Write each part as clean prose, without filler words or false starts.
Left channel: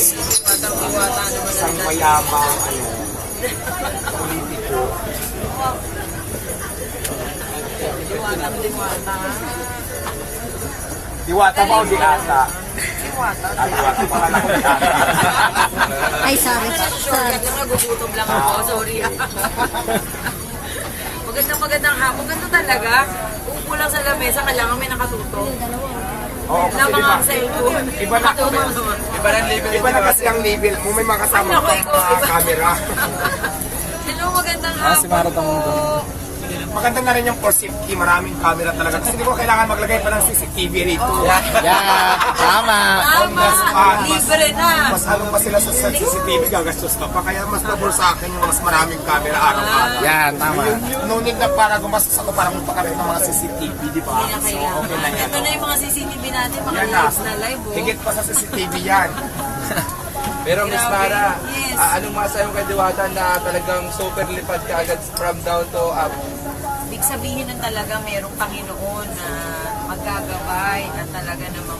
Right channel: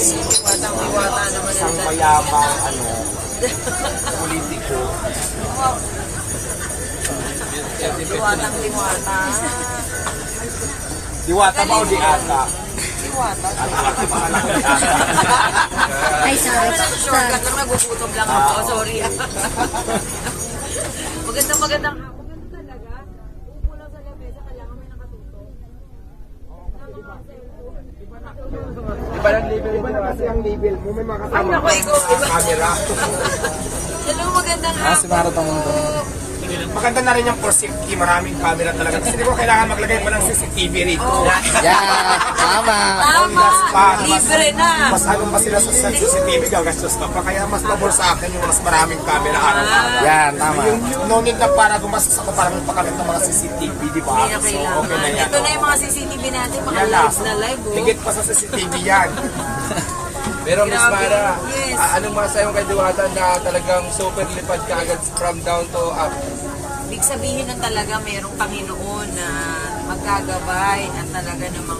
Diwata naman. Isang mayamang, politiko. Diwata. Diwata ba o Diwata? Diwata. Diwata pa lang ako Diwata. Ay, sorry. Shortcut lang, nagugutom lang ako. Sorry. Magandang hapon. Ganda talaga. Upo lang sa lamesa, kailangan may nakatuto. Oo, Na kasi mga cellphone. iba na kasi ang level mo. May mga kasama Ano ko, ikaw, camera. Hello, magandang hapon. Si Mara Tamundo. Maganda na rin yung for safety. Maraming camera talaga. Kasi di ko kailangan maglagay pa ng CCTV rito. Yeah, tama. Tama. Libre na. Mas halong pa sila sa CCTV, gagastos pa pa. Kaya mas pabor sa akin yung mas maraming camera araw-araw. Yan, tama. No need na para gumastos ako para magpakaroon ng mga CCTV, di ba? Hindi na So, okay na kailangan. yan. Ito na yung mga CCTV natin, mga Yan na. lives na live. Oh. Higit pa sa CCTV yan. Pero Miss Grabe. Mara, Yes. anong masayo kay Diwata na talagang super lipad ka agad from down to up? Ibig sabihin na talaga mayroong Panginoon na magkagabay at talaga namang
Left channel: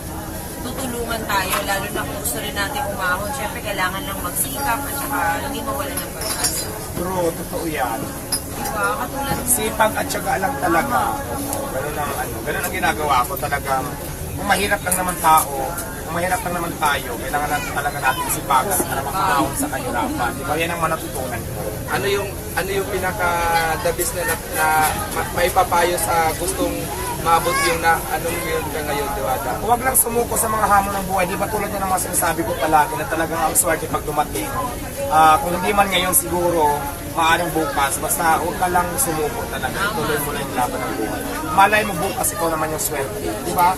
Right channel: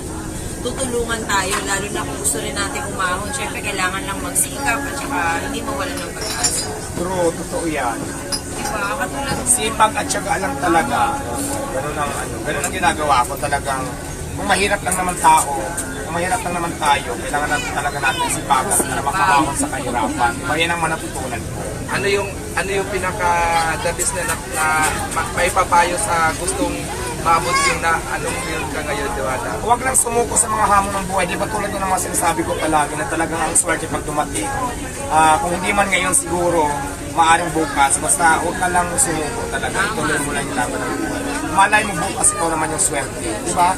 tutulungan tayo, lalo na kung gusto rin natin umahon. Siyempre, kailangan lang magsikap at saka hindi mawala ng pag-asa. True, totoo yan. Diba? Katulad Sipag at syaga lang talaga. Ganun ang ginagawa ko talagang. Kung mahirap lang naman tayo, kailangan natin talaga natin sipagan na makahawak sa kahirapan. Kaya ang manatutunan ko. Ano yung pinaka the best na maipapayo sa gustong maabot yung na anong yun ka ngayon, Diwata? Huwag lang sumuko sa mga hamon ng buhay. Di ba tulad ng mga sinasabi ko palagi na talagang ang swerte pag dumating. Kung hindi man ngayon siguro, maaaring bukas. Basta huwag ka lang sumuko talaga. Tuloy mo lang yung laban ng buhay. Malay mo bukas ito naman yung swerte. Di ba?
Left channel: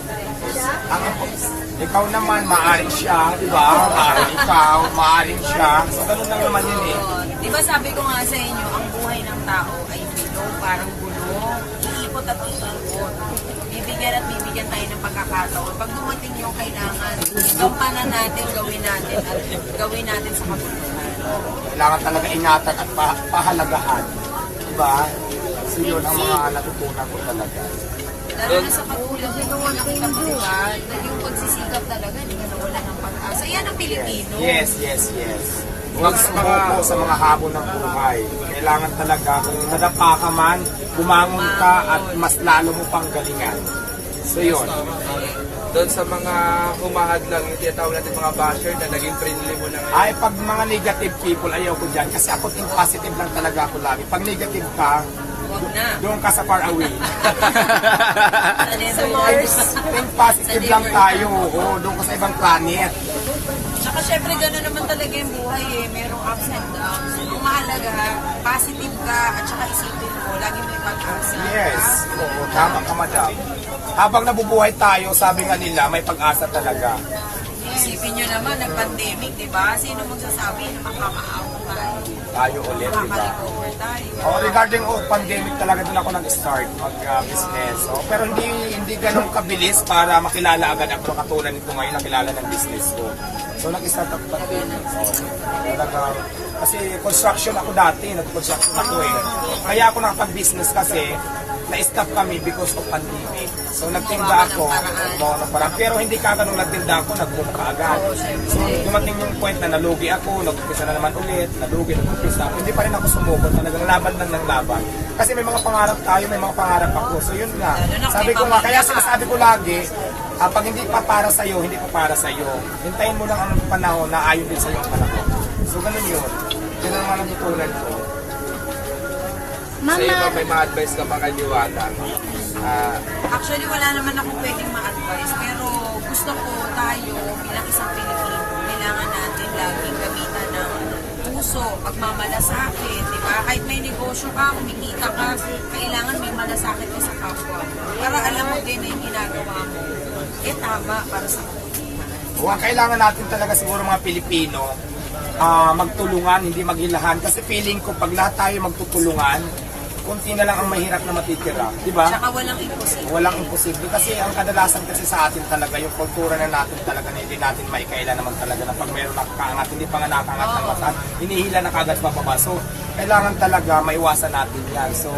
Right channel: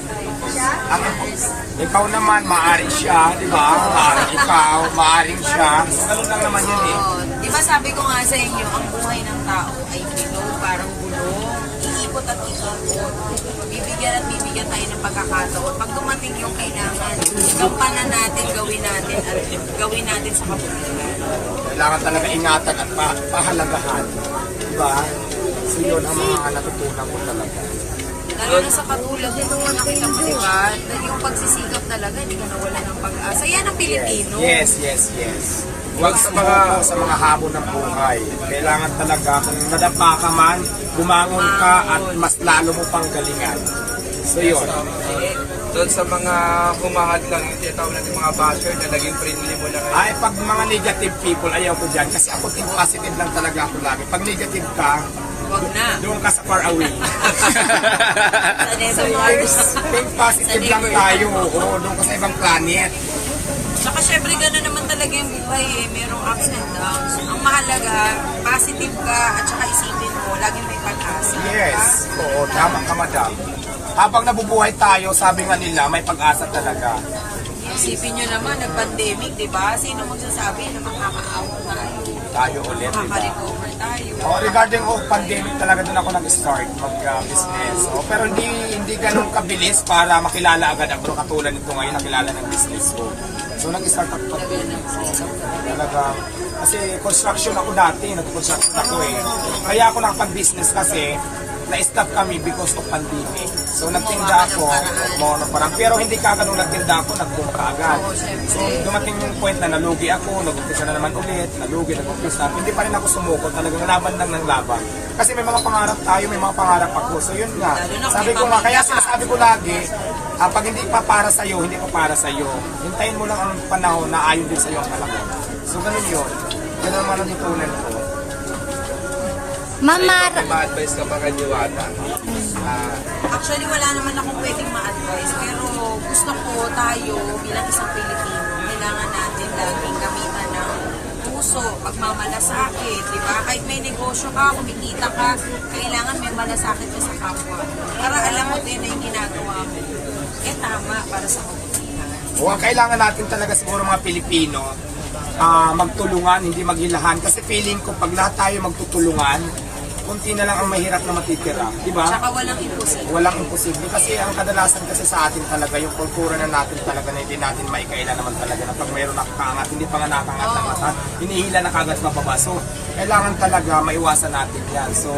Ikaw naman, maaaring siya. Di ba? Maaaring ikaw, maaaring siya. So ganun lang naman yun eh. diba sabi ko nga sa inyo, ang buhay ng tao ay bilog, parang gulong, iikot at iikot. Bibigyan tayo ng pagkakataon. Pag dumating yung kailangan, gampanan natin, gawin natin sa kabutihan. Kailangan talaga ingatan at pahalagahan. Diba? So yun ang mga natutunan ko talaga. Lalo na sa katulad nito, nakita mo, diba? Yung pagsisikap talaga, hindi ka nawala ng pag-asa. Yan ang Pilipino. Yes. Huwag sumuko sa mga habon ng buhay. Kailangan talaga, kung nadapa ka man, bumangon ka at mas lalo mo pang galingan. So yun. Doon sa mga humahad lang yung tinatawag natin mga basher na naging friendly mo na ngayon. Ay, pag mga negative people, ayaw ko dyan. Kasi ako think positive lang talaga ako lagi. Pag negative ka, Huwag na. doon ka sa far away. Sa Mars. Think positive lang tayo. Oo, doon ka sa ibang planet. Saka syempre gano'n naman talaga yung buhay eh. Merong ups and downs. Ang mahalaga, positive ka at saka isipin mo, lagi may pag-asa. Yes. Oo, tama ka, madam. Habang nabubuhay tayo, sabi nga nila, may pag-asa talaga. Isipin nyo naman, nag-pandemic, di ba? Sino magsasabi na makaka-out tayo? Tayo ulit, diba? Makaka-recover tayo. Regarding pandemic talaga din ako nag-start mag-business. Pero hindi ganun kabilis para makilala agad ako katulad nito ngayon nakilala ng business ko. So nag-start ako pa. Talagang kasi construction ako dati, nag-construction ako eh. Kaya ako nakapag-business kasi na-stop kami because of pandemic. So nagtinda ako, parang pero hindi kaganong nagtinda ako, nag-boom ka agad. So dumating yung point na nalugi ako, nag-umpisa na naman ulit, nag-umpisa. Hindi pa rin ako sumuko, talagang laban lang ng laban. Kasi may mga pangarap tayo, may mga pangarap ako. So yun nga, sabi ko nga, kaya sinasabi ko lagi, pag hindi pa para sa'yo, hindi pa para sa'yo. Hintayin mo lang ang panahon na ayon din sa'yo ang panahon. So ganun yun. Yun ang mga natutunan ko. Sa iyo, may ma-advise ka pa kay Diwata? Actually, wala naman akong pwedeng ma-advise. Pero gusto ko tayo bilang isang Pilipino, kailangan natin laging gamitan ng puso, pagmamalasakit, di ba? Kahit may negosyo ka, kumikita ka, kailangan may malasakit ka sa kapwa. Para alam mo din na yung ginagawa mo, tama para sa kabutihan. O, ang kailangan natin talaga siguro mga Pilipino, magtulungan, hindi maghilahan. Kasi feeling ko, pag lahat tayo magtutulungan, kunti na lang ang mahirap na matitira. Diba? Tsaka walang imposible. Walang imposible. Kasi ang kadalasan kasi sa atin talaga, yung kultura na natin talaga na hindi natin maikaila naman talaga na pag mayroon nakakangat, hindi pa nga nakangat ng mata, hinihila na kagad mababa. So, kailangan talaga maiwasan natin yan. So,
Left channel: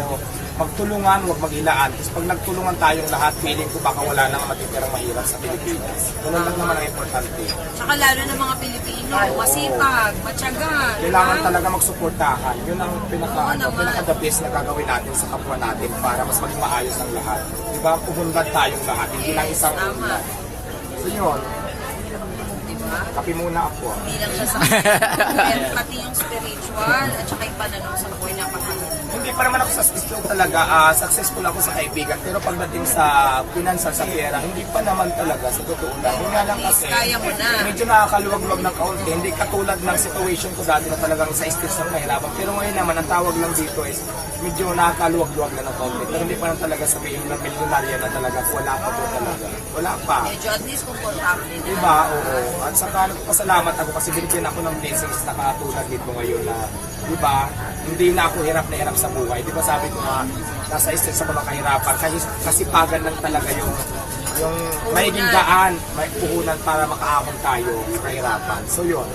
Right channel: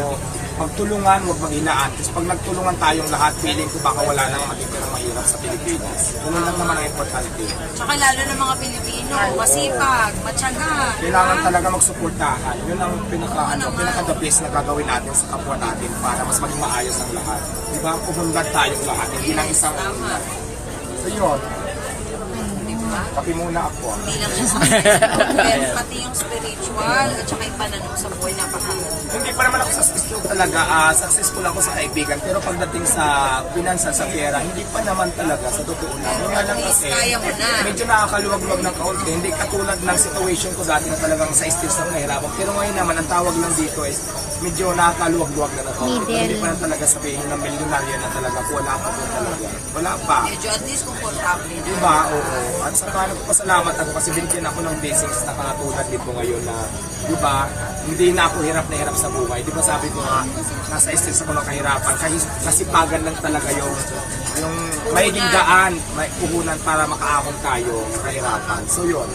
magtulungan, huwag maghilaan. Kasi pag nagtulungan tayong lahat, feeling ko baka wala nang matitirang mahirap sa Pilipinas. Ganun lang naman ang importante. Tsaka lalo ng mga Pilipino, masipag, matyaga. Kailangan talaga magsuportahan. Yun ang naman. pinaka-the best na gagawin natin sa kapwa natin para mas maging maayos ang lahat. Diba? Pumunlad tayong lahat, hindi lang isang Tama. So yun, Diba? kape muna ako. Hindi lang siya sa pero pati yung spiritual at saka yung pananaw sa buhay napakaganda. Hindi pa naman ako successful talaga. Successful ako sa kaibigan. Pero pagdating sa pinansa, sa pera, hindi pa naman talaga. Sa totoo lang. Yun nga lang kasi, Kaya mo na. medyo nakakaluwag-luwag ng kaunti. Hindi katulad ng situation ko dati na talagang sa stage ng nahirapan. Pero ngayon naman, ang tawag lang dito is medyo nakakaluwag-luwag na ng kaunti. Pero hindi pa lang talaga sabihin na milyonarya na talaga. Wala pa po talaga. Wala pa. Medyo at least komportable na. Diba? Oo. At saka nagpapasalamat ako kasi binigyan ako ng blessings na katulad dito ngayon na, diba, hindi na ako hirap na hirap sa buhay. Diba sabi ko nga, nasa stage ako ng kahirapan. Kasi pagan lang talaga yung mahiging daan, may puhunan para makaahon tayo sa kahirapan. So yun.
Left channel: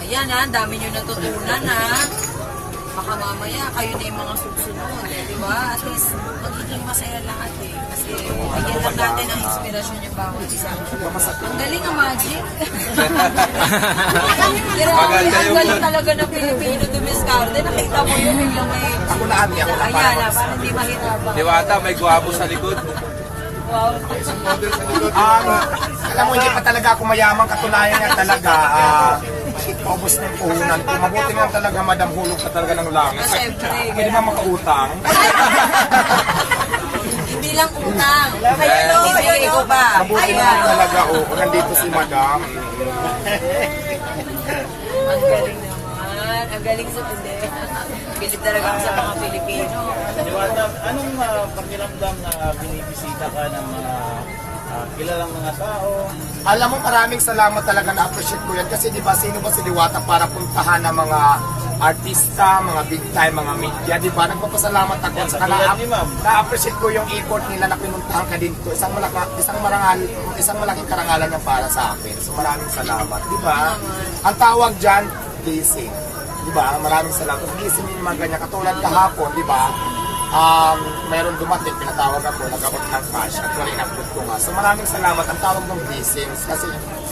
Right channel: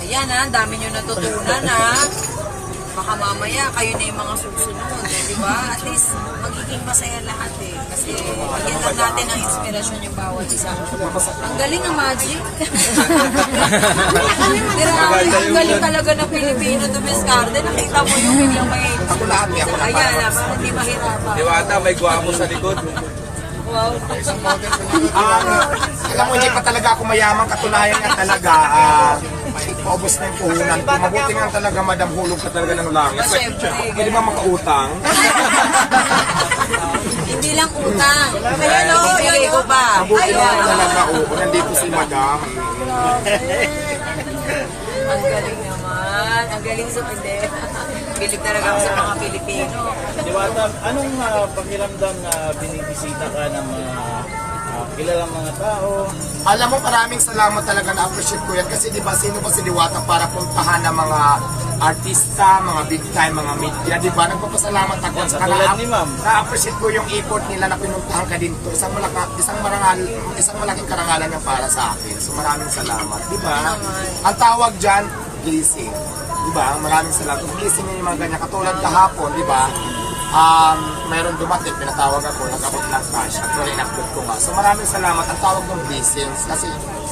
Ayan ha, ang dami nyo natutunan ha. Baka mamaya kayo na yung mga susunod, di ba? At least magiging masaya lahat eh. Kasi bigyan lang natin ang inspirasyon yung bawat isa. Ang galing ang magic. Pero ang galing talaga ng Pilipino dumiskarte. Nakita mo yung biglang may... Ako na ate, ako na Ayan na, parang di mahirapan. Diwata, may gwapo sa likod. Wow. Alam mo, hindi pa talaga ako mayaman. Katunayan nga talaga, paubos na yung puhunan ko. Mabuti nga talaga, madam, hulog ka talaga ng langit. Siyempre. Pwede ba makautang? Hindi lang utang. Ibigay ko pa. Mabuti nga Ayan. talaga, oo. Nandito si madam. Ang galing naman. Ang galing sa hindi. Bilib talaga ako sa mga Pilipino. Diwata, anong pakiramdam na binibisita ka ng mga kilalang mga tao? Alam mo, maraming salamat talaga, na-appreciate ko yan. Kasi di ba, sino ba si Diwata para puntahan ng mga artista, mga big time, mga media, di ba? Nagpapasalamat ako. Yan, katulad ni Ma'am. Na-appreciate ko yung effort nila na pinuntahan ka dito. Isang malaking karangalan yan para sa akin. So maraming salamat, di ba? Ang tawag dyan, blessing. Di ba? Maraming salamat. Blessing yung mga ganyan. Katulad kahapon, di ba? Meron dumating, pinatawag ako, nag-abot ng cash. Actually, in-upload ko nga. So maraming salamat. Ang tawag ng blessings kasi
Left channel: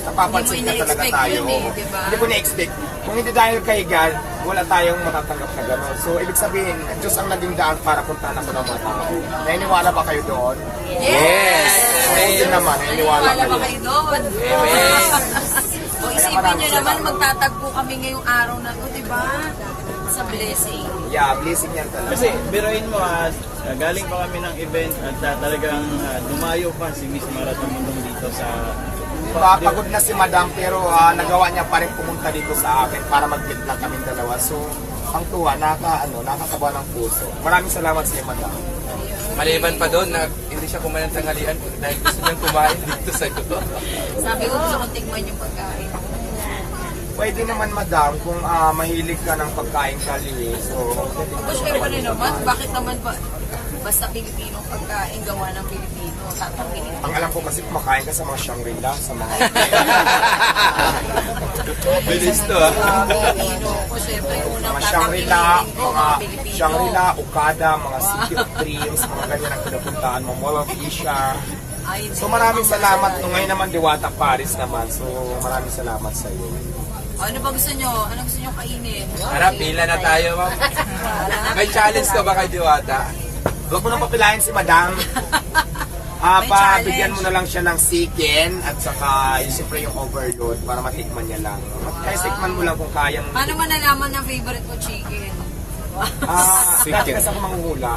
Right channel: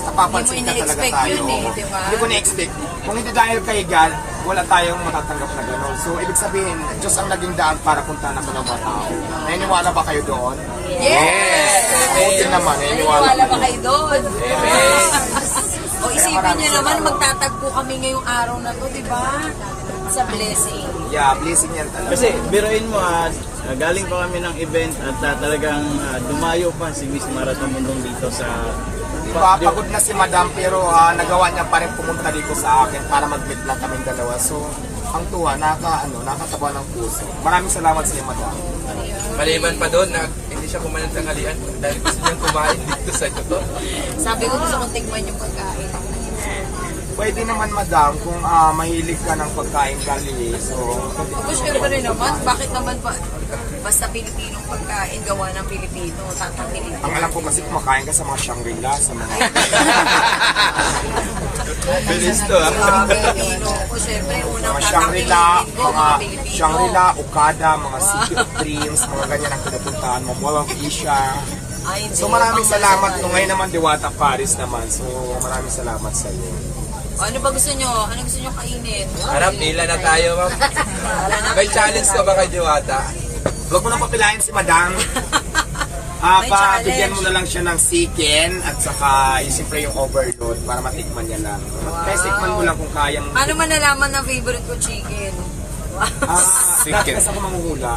napapansin ka talaga Hindi mo tayo. ina-expect yun eh, di ba? Hindi ko na-expect. Kung hindi dahil kay God, wala tayong matatanggap na gano'n. So, ibig sabihin, Diyos ang naging daan para puntahan ako ng mga tao. Naniniwala ba kayo doon? Yes! Oo din naman, naniniwala Naniniwala ba kayo. kayo doon? O isipin nyo naman, magtatagpo kami ngayong araw na to, di ba? Sa blessing. Yeah, blessing yan talaga. Kasi biruin mo, galing pa kami ng event at talagang dumayo pa si Miss Marathon Mundong dito sa... Diba, pagod na si Madam pero nagawa niya pa rin pumunta dito sa akin para mag-meet lang kaming dalawa. So, ang tuwa, nakakatawa ng puso. Maraming salamat sa iyo, Madam. Maliban pa doon na hindi siya kumain ng tanghalian dahil gusto niyang kumain dito sa gusto. Sabi ko gusto kong tikman yung pagkain. Pwede naman, Madam, kung mahilig ka ng pagkain kali. So, Tapos syempre naman, bakit naman pa basta Pilipinong pagkain gawa ng Pilipino, tatangilin ang alam ko kasi kumakain ka sa mga Shangri-La, sa mga... Bilis to Pilipino. O syempre, unang mga Shangri-La, tatangilin ko, mga mga Pilipino. Shangri-La, Okada, mga City of Dreams, mga ganyan ang pinapuntahan mo, Mawag Isha. Ay, So maraming salamat. Kung ngayon naman Diwata Paris naman. So maraming salamat sa iyo. Ano ba gusto nyo? Ano gusto nyo kainin? Harap, pila na tayo, ma'am. May challenge ka ba kay Diwata? Huwag mo nang papilahin si Madam. May Pabigyan challenge. mo na lang siya ng chicken at saka yung siyempre yung overload para matikman niya lang. Kaya tikman mo lang kung kayang... Paano man nalaman na favorite ko chicken? Dati kasi ako manguhula.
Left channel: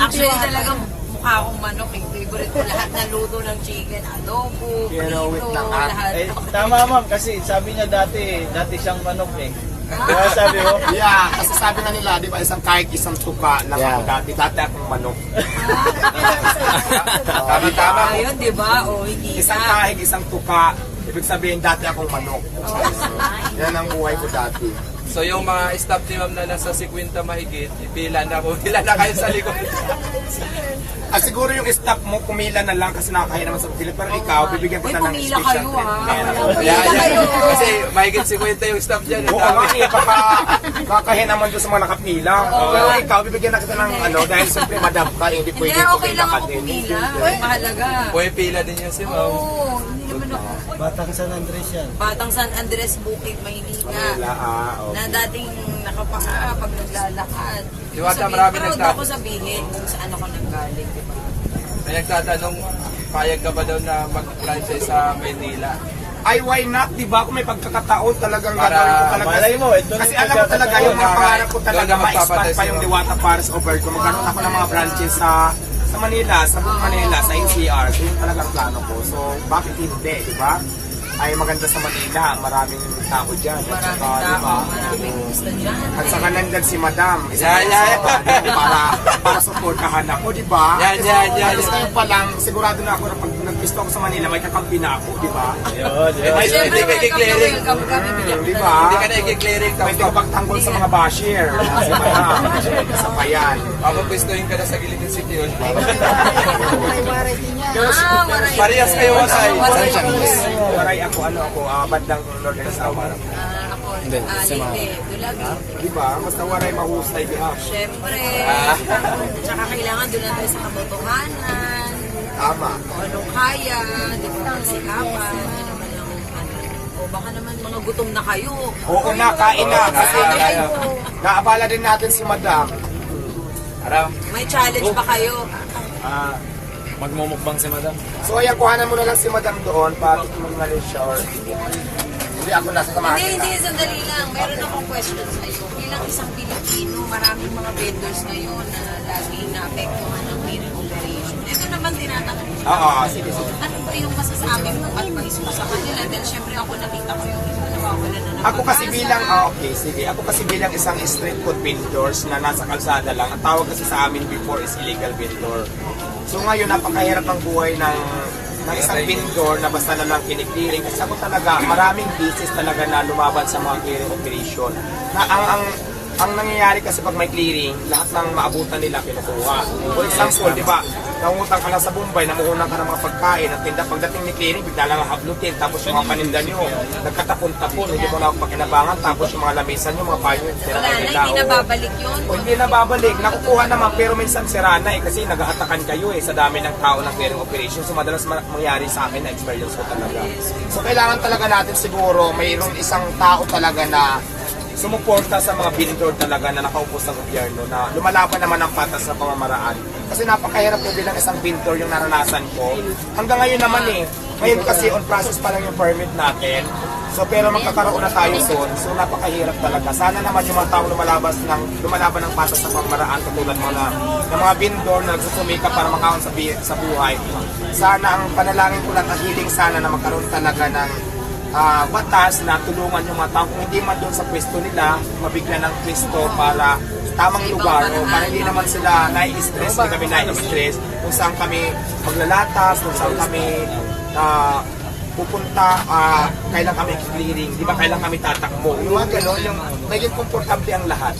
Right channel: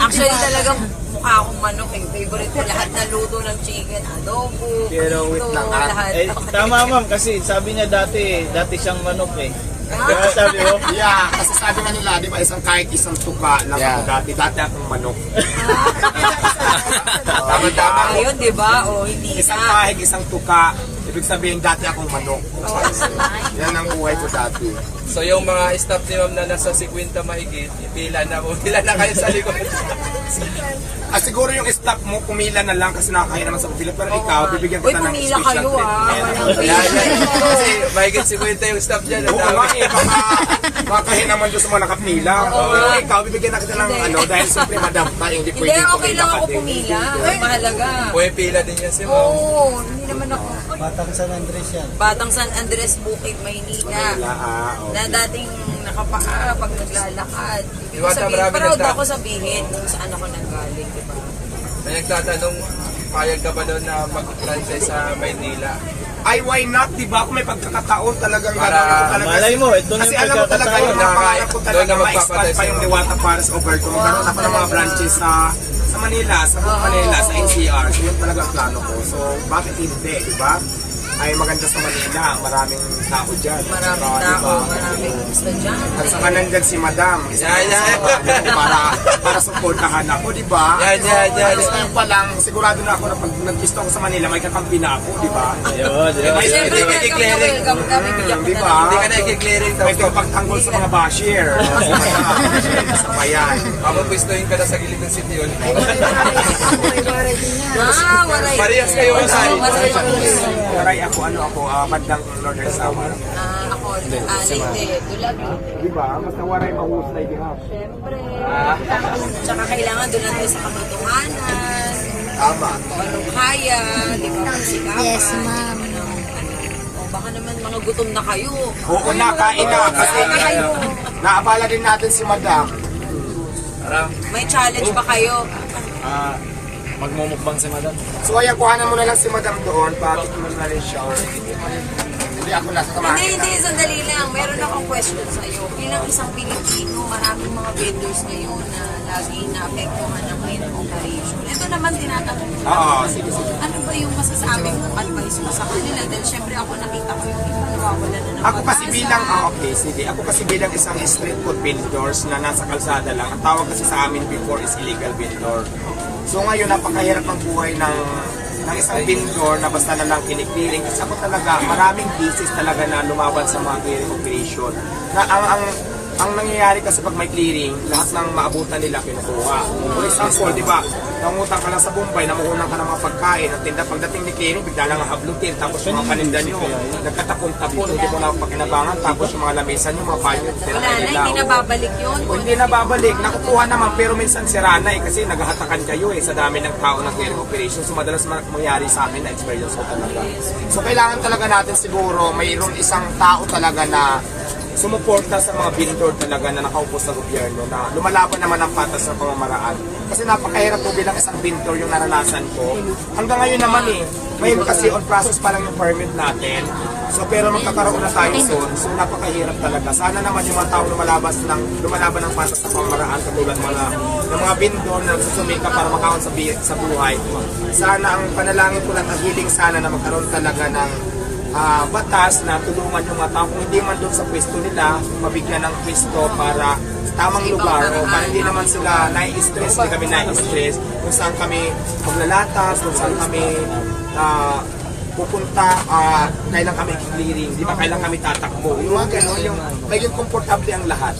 Actually talagang mukha akong manok eh. Favorite ko lahat ng luto ng chicken. Adobo, Pero wait prito, lang, lahat. Tama ma'am, kasi sabi niya dati siyang manok eh. Kaya sabi mo, Yeah, kasi sabi nga nila, di ba, kahit isang tuka lang ako dati akong manok. Tama-tama mo. Ayun, di ba? O, hindi Isang na. kahig, isang tuka, ibig sabihin dati akong manok. Yan ang buhay ko dati. So yung mga staff ni ma'am na nasa 50 mahigit, pila na kayo sa likod. Siguro yung staff mo, pumila na lang kasi nakakaya naman sa pila. Pero ikaw, bibigyan Uy, kita ng pumila special kayo treatment. Yan. Kasi mahigit 50 yung staff dyan. Oo nga eh, baka makahin naman doon sa mga nakapila. Pero ikaw, bibigyan na kita ng ano, dahil siyempre madam ka, hindi Hindi, pwede okay lang ka ako din. pumila. Mahalaga. Pumipila din yan si ma'am. Oo, hindi naman ako. Batang San Andres yan. Batang San Andres, Bukid, Maynila. Na Okay. dating nakapaa pag naglalakad. Ibig Diwata, sabihin, marami proud nagta- ako sabihin kung saan ako nanggaling, di ba? Nagtatanong, payag ka ba daw na mag-franchise sa Maynila? Ay, why not? Diba? Kung may pagkakataon talagang Para- gagawin ko talaga. malay mo, ito na Kasi yung alam mo talaga yung mga pagkakataon. pangarap ko talaga Doon na ma-expand magpapatay pa yung sa'yo. Diwata Paris over ko. Magkaroon ako ng mga branches sa Manila, sa buong Manila, sa NCR. So yun talaga ang plano ko. So bakit hindi, diba? Ay maganda sa Manila, maraming tao dyan. Maraming Saka, tao, diba? maraming estudyante. At saka nandyan si Madam. Isa Yeah. para supportahan ako, di ba? Yan. Ayos ngayon pa lang, sigurado na ako na pag nag-visit ako sa Manila, may kakampi na ako, di ba? Yun. Ay, Siyempre, Hindi ka i-clearing. welcome kami, bigyan Di kita ba? Hindi ka na i-clearing daw. Pwede ko pagtanggol sa mga basher. Sa mga isa pa yan. Ako pwestuhin ka na sa gilid ng city hall. Waray. Parehas kayo, Wasay. Waray. Waray ako, bandang Northern Samar. Ako, Leyte, Dulabi. Di ba? Basta waray mahusay bihap. Siyempre. Tsaka kailangan doon natin sa katotohanan. Tama. Kung anong kaya, di ba? Sikapan. Yes, ma'am. Hindi naman ang, o baka naman mga gutom na kayo. Oo na, kain na. Kasi Kain na kayo. naabala din natin si Madam. May challenge ba kayo? Magmumukbang si Madam. So ayan, kuhanan mo na lang si Madam doon. Bakit mo na rin siya? Or hindi ako nasa samahan Hindi, kita. sandali lang. Meron akong question sa iyo. Bilang isang Pilipino, maraming mga vendors ngayon na lagi naapektuhan ng clearing operation. Ito naman tinatanong ko. Oo, sige. Ano ba yung masasabi mo advice mo sa kanila? Dahil syempre ako nakita ko yung iba nawawala na ng Ako kasi pag-asa. bilang, okay, sige. Ako kasi bilang isang street food vendors na nasa kalsada lang, ang tawag kasi sa amin before is illegal vendor. So ngayon, napakahirap ang buhay ng isang vendor na basta na lang kiniklearing. Kasi ako talaga, maraming business talaga na lumaban sa mga clearing operation. Na ang nangyayari kasi pag may clearing, lahat ng maabutan nila kinukuha. For example, di ba, nangungutang ka lang sa Bombay, namuhunan ka ng mga pagkain, ang tinda pagdating ni clearing, bigla lang ang hablutin, tapos yung mga paninda nyo, nagkatapon-tapon, hindi mo na pakinabangan, tapos yung mga lamisan nyo, mga payo, Wala na, tinakay hindi na babalik yun. o hindi na babalik, nakukuha naman pero minsan sira na eh kasi naghahatakan kayo sa dami ng tao ng clearing operation. So madalas mangyari sa akin na experience ko talaga. So kailangan talaga natin siguro mayroong isang tao talaga na sumuporta sa mga vendor talaga na nakaupo sa gobyerno na lumalaban naman ang patas sa pamamaraan. Kasi napakahirap po bilang isang vendor yung naranasan ko. Hanggang ngayon naman ngayon kasi on process pa lang yung permit natin. So pero magkakaroon na tayo soon. So napakahirap talaga. Sana naman yung mga taong lumalaban ng patas sa pamamaraan katulad ng mga vendor na nagsusumika para makaon sa buhay. Sana ang panalangin ko lang ang hiling sana na magkaroon talaga ng batas na tulungan yung mga tao kung hindi man doon sa pwesto nila mabigyan ng pwesto para sa tamang lugar o para hindi naman sila nai-stress, hindi kami nai-stress kung saan kami maglalatas, kung saan kami pupunta, kailan kami clearing, di ba kailan kami tatakbo. Yung mga ganun, yung maging komportable ang lahat.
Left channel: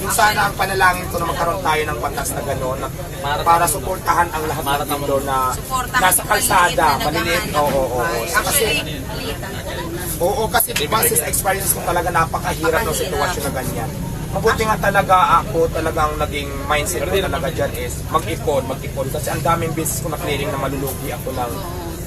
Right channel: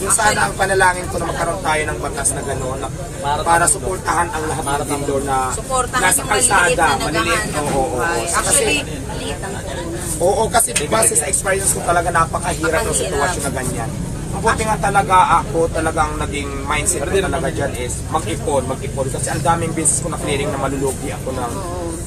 Yung sana ang panalangin ko na magkaroon tayo ng batas na gano'n para suportahan ang lahat ng vendor na Suportahan nasa yung kalsada, maliliit na maliliit. Oo. Actually, maliit lang. Oo, kasi base sa experience ko talaga napakahirap ng sitwasyon na ganyan. Mabuti nga talaga ako, talagang naging mindset ko talaga dyan is mag-ipon. Kasi ang daming business ko na clearing na malulugi ako ng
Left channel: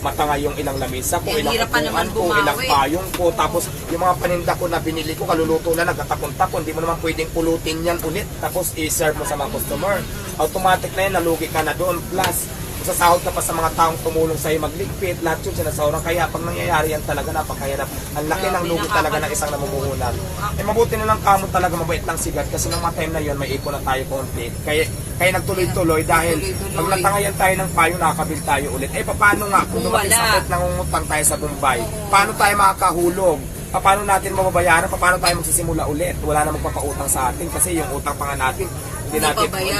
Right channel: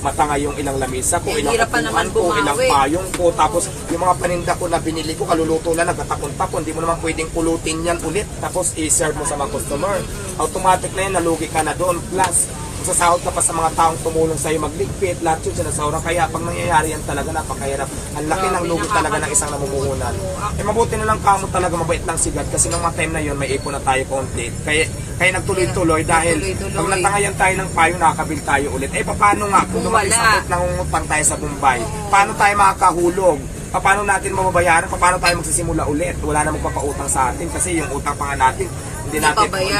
matanga yung ilang lamisa ko, ilang hirap pa naman upuan ko, ilang bumawi. payong ko, tapos yung mga paninda ko na binili ko, kaluluto na, nagkatakon-takon, hindi mo naman pwedeng pulutin yan ulit, tapos i-serve mo sa mga customer. Automatic na yan, nalugi ka na doon. Plus, masasahod ka pa sa mga taong tumulong sa'yo magligpit, lahat yun sinasahura. Kaya pag nangyayari yan talaga, napakahirap. Ang laki ng lugi talaga ng isang namumuhunan. Eh mabuti na lang kamo talaga, mabait lang sigat kasi nung mga time na yun, may ipon na tayo konti. Kaya nagtuloy-tuloy dahil pag natangayan tayo ng payo, nakakabil tayo ulit. Eh paano nga kung dumating sa point nangungutang tayo sa Bombay? Paano tayo makakahulog? Paano natin mababayaran? Paano tayo magsisimula ulit? Wala na magpapautang sa atin kasi yung utang pa nga natin hindi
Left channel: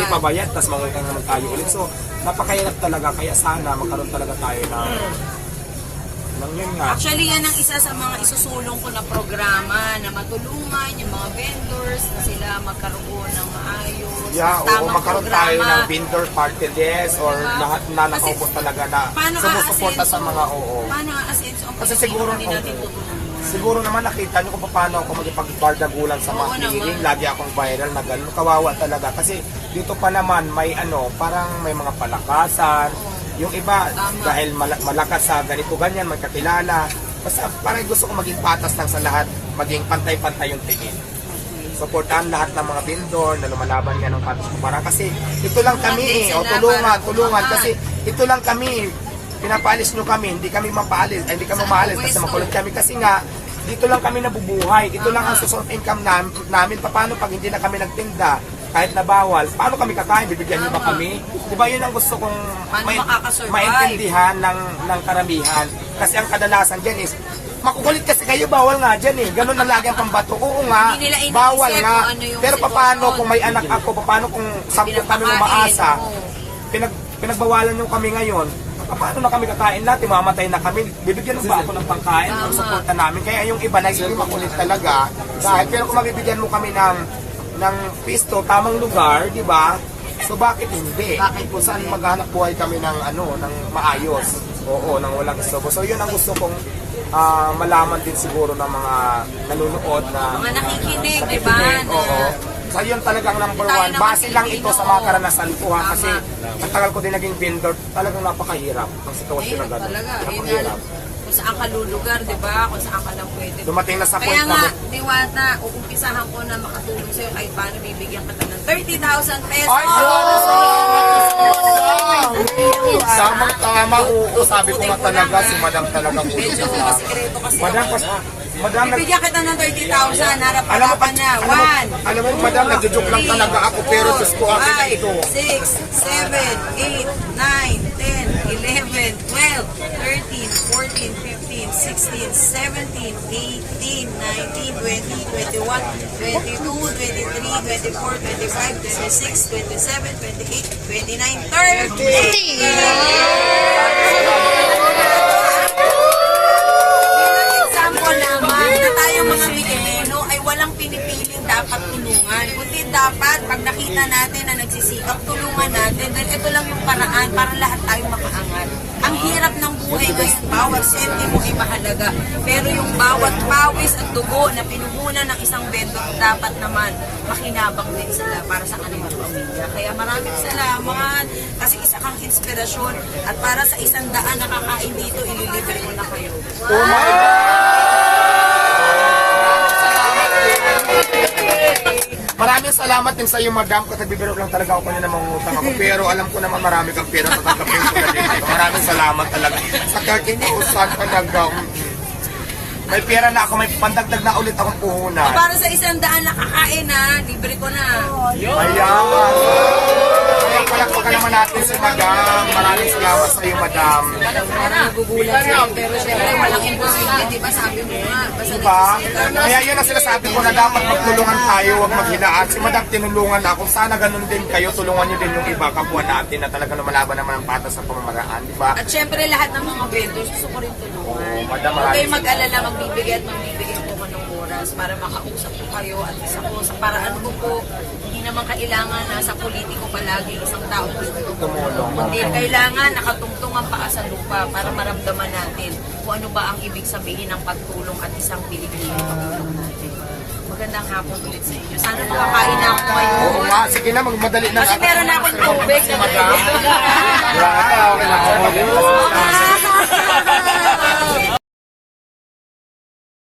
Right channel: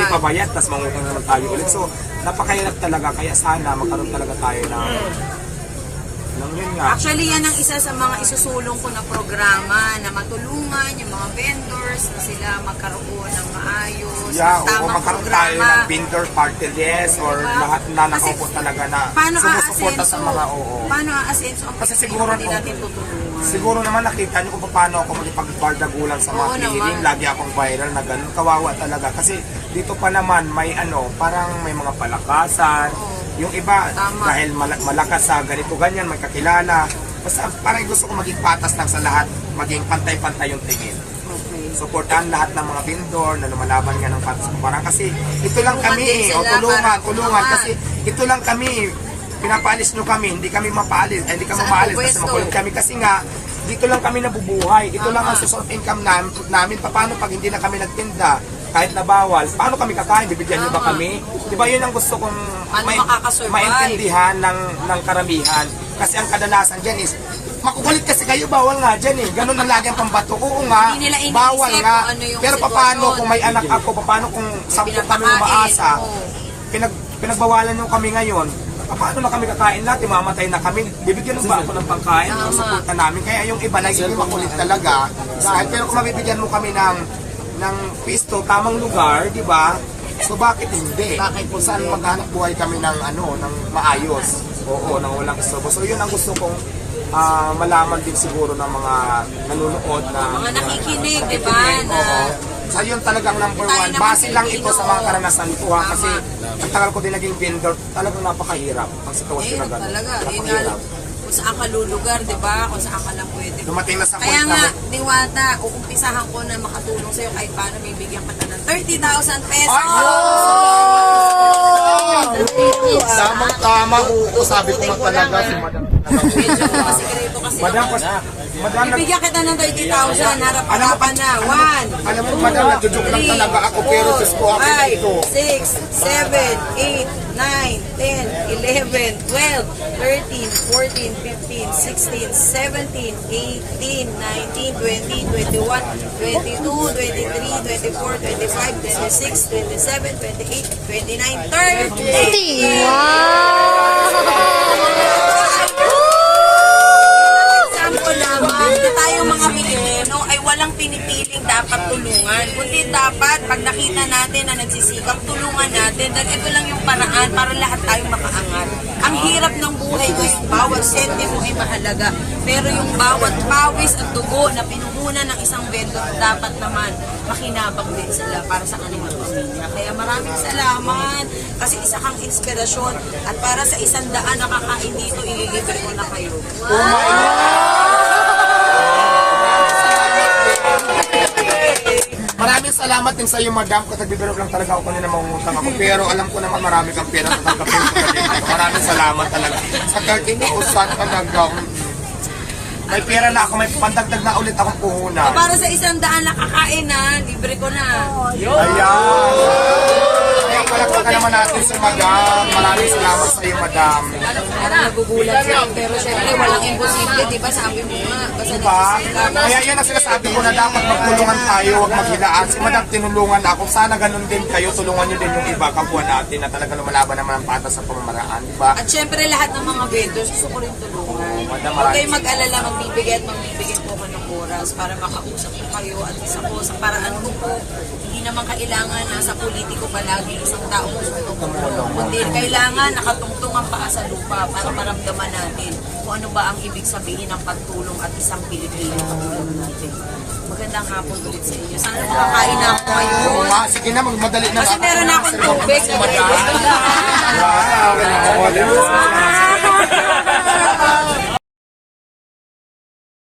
pa bayad, tapos mangutang naman tayo ulit. So, napakahirap talaga. Kaya sana magkaroon talaga tayo ng lang, yun nga. Actually, yan ang isa sa mga isusulong ko na programa na matulungan yung mga vendors na sila magkaroon ng maayos, Yeah, oo, tamang magkaroon tayo programa. ng vendor party list or Diba? lahat na Kasi nakaupo talaga na Paano sumusuporta sa aasenso? mga oo. Paano aasenso ang Kasi Pilipino siguro, hindi natin tutulungan? Siguro naman nakita niyo kung paano ako magpagbardagulan sa mga Oo clearing. naman. Lagi akong viral na ganun. Kawawa talaga. Kasi dito pa naman may parang may mga palakasan. Yung iba, Tama. dahil malakas sa ganito ganyan, magkakilala. Basta parang gusto ko maging patas lang sa lahat. Maging pantay-pantay yung tingin. Supportahan lahat ng mga vendor na lumalaban nga ng patas kumpara. Kasi ito lang kami din eh. O sila tulungan. para Kasi ito lang kami. Pinapaalis nyo kami, hindi kami mapaalis, hindi kami Saan maalis po kasi pwesto? makulit kami kasi nga dito lang kami nabubuhay. Ito lang ang source of income namin. Paano pag hindi na kami nagtinda, kahit na bawal, paano kami kakain? Bibigyan niyo ba kami? Di ba yun ang gusto kong Paano makakasurvive? maintindihan ng karamihan. Kasi ang kadalasan dyan is, makukulit kasi kayo, bawal nga dyan eh. Ganun na lagi ang pambato. Oo nga, Hindi nila iniisip bawal nga. kung ano yung Pero paano sitwasyon. kung may anak ako, paano kung 10 kami umaasa, pinagbawalan nyo kami ngayon, paano na kami kakain natin, mamatay na kami, bibigyan mo ba ako ng pangkain o suporta namin? Kaya yung iba na hindi makulit talaga, dahil pero kung mabibigyan mo kami ng pisto, tamang lugar, di ba? So bakit hindi? Bakit kung saan maghanap buhay kami ng ng maayos? Oo, ng walang istorbo. So yun ang gusto kong malaman din siguro ng mga nanonood na Mga nakikinig, di ba? Oo. So yun talagang number Tayo one. naman Base lang ito sa mga Pilipino. karanasan ko ha. Kasi Tama. ang tagal ko din naging vendor, talagang napakahirap ang sitwasyon na Ayun gano'n. talaga. Yun nga, Napakahirap. kung saan ka lulugar, di ba? Kung saan ka lang pwede. Dumating na sa Kaya point nga, na Diwata, uumpisahan ko na makatulong sa'yo kahit paano bibigyan ka ng 30,000 pesos. Tamang-tama, oo. Sabi ko nga talaga, si Madam talaga. Medyo masikreto kasi. Madam, Bibigyan kita ng 30,000, harap-harapan na. 1, alam mo, Madam, nagjo-joke lang talaga ako, pero Diyos ko, akin na ito. 6, 7, 8, 9, 10, 11, 12, 13, 14, 15, 16, 17, 18, 19, 20, 21, 22, 23, 24, 25, 26, 27, 28, 29, 30! Example naman na tayong mga Pilipino ay walang pinipiling dapat tulungan. Kundi dapat pag nakita natin na nagsisikap, tulungan natin. Dahil ito lang yung paraan para lahat tayong makaangat. Ang hirap ng buhay ngayon, bawat sentimo ay mahalaga. Pero yung bawat pawis at dugo na pinuhunan ng isang vendor, dapat naman makinabang din sila para sa kanilang pamilya. Kaya maraming salamat kasi isa kang inspirasyon at para sa 100 na kakain dito, ililibre ko na kayo. Oh my Maraming salamat din sa iyo, Madam. Kung nagbibiro lang talaga ako kanina mangungutang ako. Pero alam ko naman marami kang pera sa tanggapin ko na dito. Maraming salamat talaga. Sa 13,000 talaga. May pera na ako, may pandagdag na ulit akong puhunan. Para sa 100 na kakain na, libre ko na. Ayan. Kaya palakpakan naman natin si Madam. Maraming salamat sa iyo, Madam. Parang nagugulat sila. Pero syempre, walang imposible, di ba? Sabi mo nga. Basta Diba? nagsisikap. Kaya yun ang sinasabi ko na dapat magtulungan tayo, huwag maghilaan. Si Madam tinulungan ako. Sana ganun din kayo, tulungan nyo din yung iba, kapwa natin na talaga lumalaban naman ang patas sa pamamaraan. Diba? At syempre, lahat ng mga vendors, gusto ko rin tulungan. Madam, Huwag kayong maraming mag-alala, magbibigay ko pa ng oras para makausap ko kayo at isa ko sa paraan ko po. Hindi naman kailangan na sa politiko palagi isang tao gusto tumulong. Kundi kailangan nakatungtong ang paa sa lupa para maramdaman natin kung ano ba ang ibig sabihin ng pagtulong at isang Pilipino katulad natin. Magandang hapon ulit sa inyo. Sana makakain na ako ngayon. Oo nga, sige na, magmadali na. Kasi meron na akong tubig. Si Madam. Wala ka, okay na.